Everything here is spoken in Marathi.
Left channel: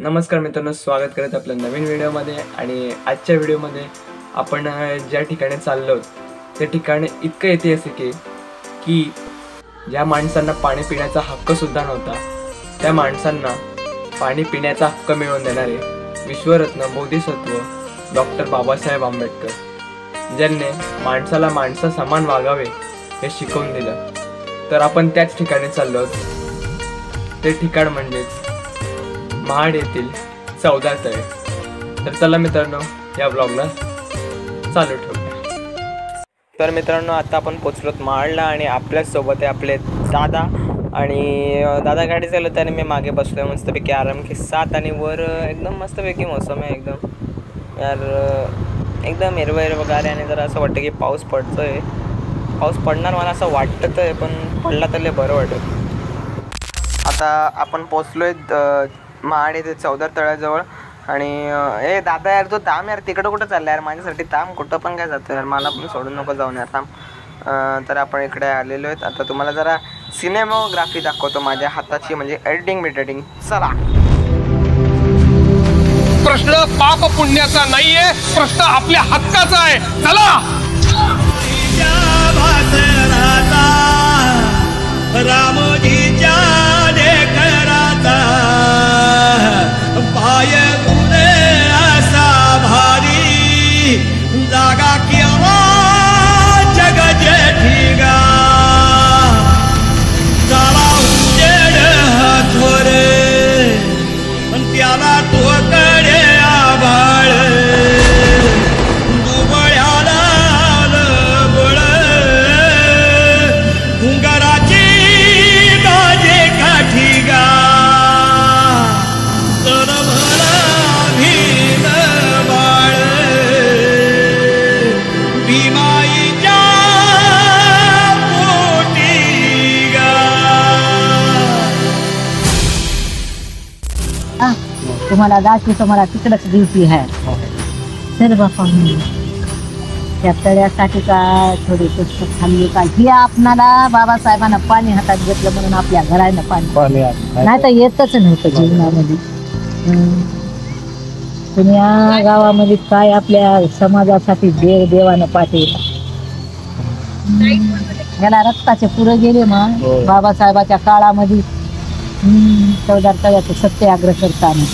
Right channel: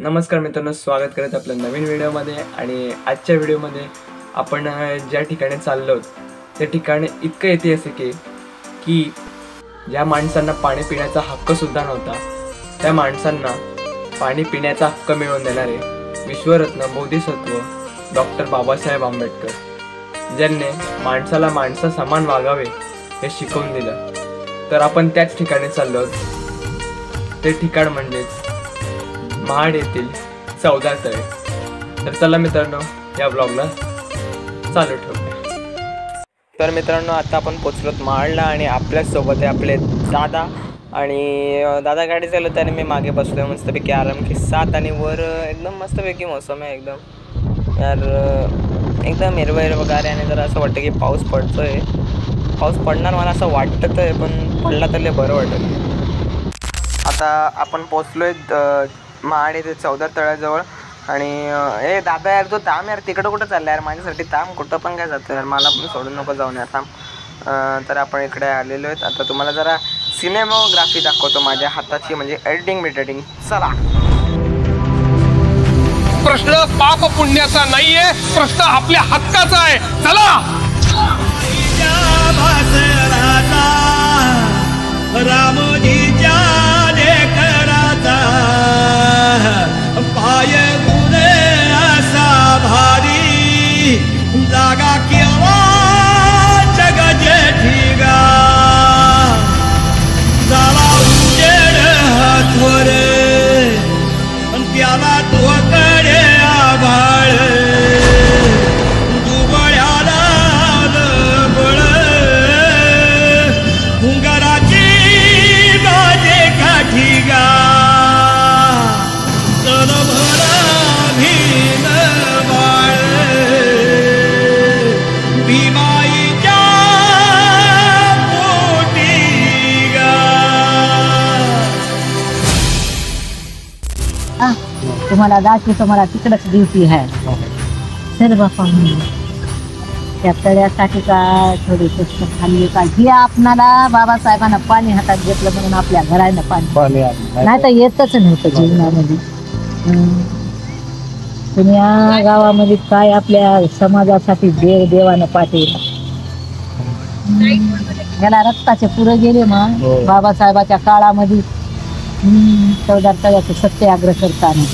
नमस्कार मित्रांनो, स्वागत करत आपल्या नवीन व्हिडिओमध्ये। आणि आजच्या व्हिडिओमध्ये आपण ज्या ठिकाणी चाललो त्या ठिकाणी इतकं ऐतिहासिक आहे की ज्या माणसांना पाणी पिण्याचा हक्क सुद्धा नव्हता त्या माणसांना पाणी पिण्याचा हक्क मिळवून देणारे विश्वरत्न बोधिसत्व डॉक्टर बाबासाहेब आंबेडकर, ज्यांनी माणसाला माणसा समान वागावे हे शिकवून दिलं। तर आपण त्याच ठिकाणी चाललो। ते ठिकाण म्हणजेच महाड येथील चौदार तळे। तर चला मित्रांनो, या ब्लॉगला चालू ठेवूया। तर मित्रांनो, आता आपण पोचलोत महाडला आणि आपल्यासोबत आहे आपले दादा। आणि दादा गाडी चालवत आणि मी मागे बसलोय मस्तपैकी आराम के साथ। आणि वर एकदम मस्तपैकी मौसम आहे, एकदम यार एकदम हिरवं हिरवगार आहे। आणि जरा असं वाटतं की पाऊस पडतोय, पाऊस पडणार मला असं वाटतं आहे, पण पडला तर लय बरं वाटेल। आता आपण पोचलोय महाड येथे चौदार तळ्याजवळ। आणि ए दादा यार, तो थांब यार, तिकडं कुठं चालला यार, माझ्यासाठी थांब, कुठं पण काय जातं यार, मला पण सोडून नको जाऊन यार, थांब। तर आपण इकडे आलेलो आहेत। आता तुम्हाला जरा सिनेमोग्राफी दाखवतो माझ्या हाताची, म्हणजे एडिटिंग बिडिटिंग। चला। प्रश्न पाप पुण्याचा नाहीये, प्रश्न आपल्या हक्काचा आहे। चला। तुम्हाला दाखवतो, मला तिकडच ड्युटी आहे। सर बापा, त्या तळ्यासाठी का थोडी पुस्तक खाल्ली का, हे आपणाला बाबासाहेबांना पाणी हातात घेतलं म्हणून आपल्या घरानं पाणी नाही तर येतच नव्हतं जीवनामध्ये। पुण्या गावामध्ये काय आपल्या समाजासाठी देवानं पाठवलं, याला रक्ताचे पुरे गेले मग बाबासाहेबाच्या काळामध्ये। चौदार तळ्याचं सत्याग्रह करताना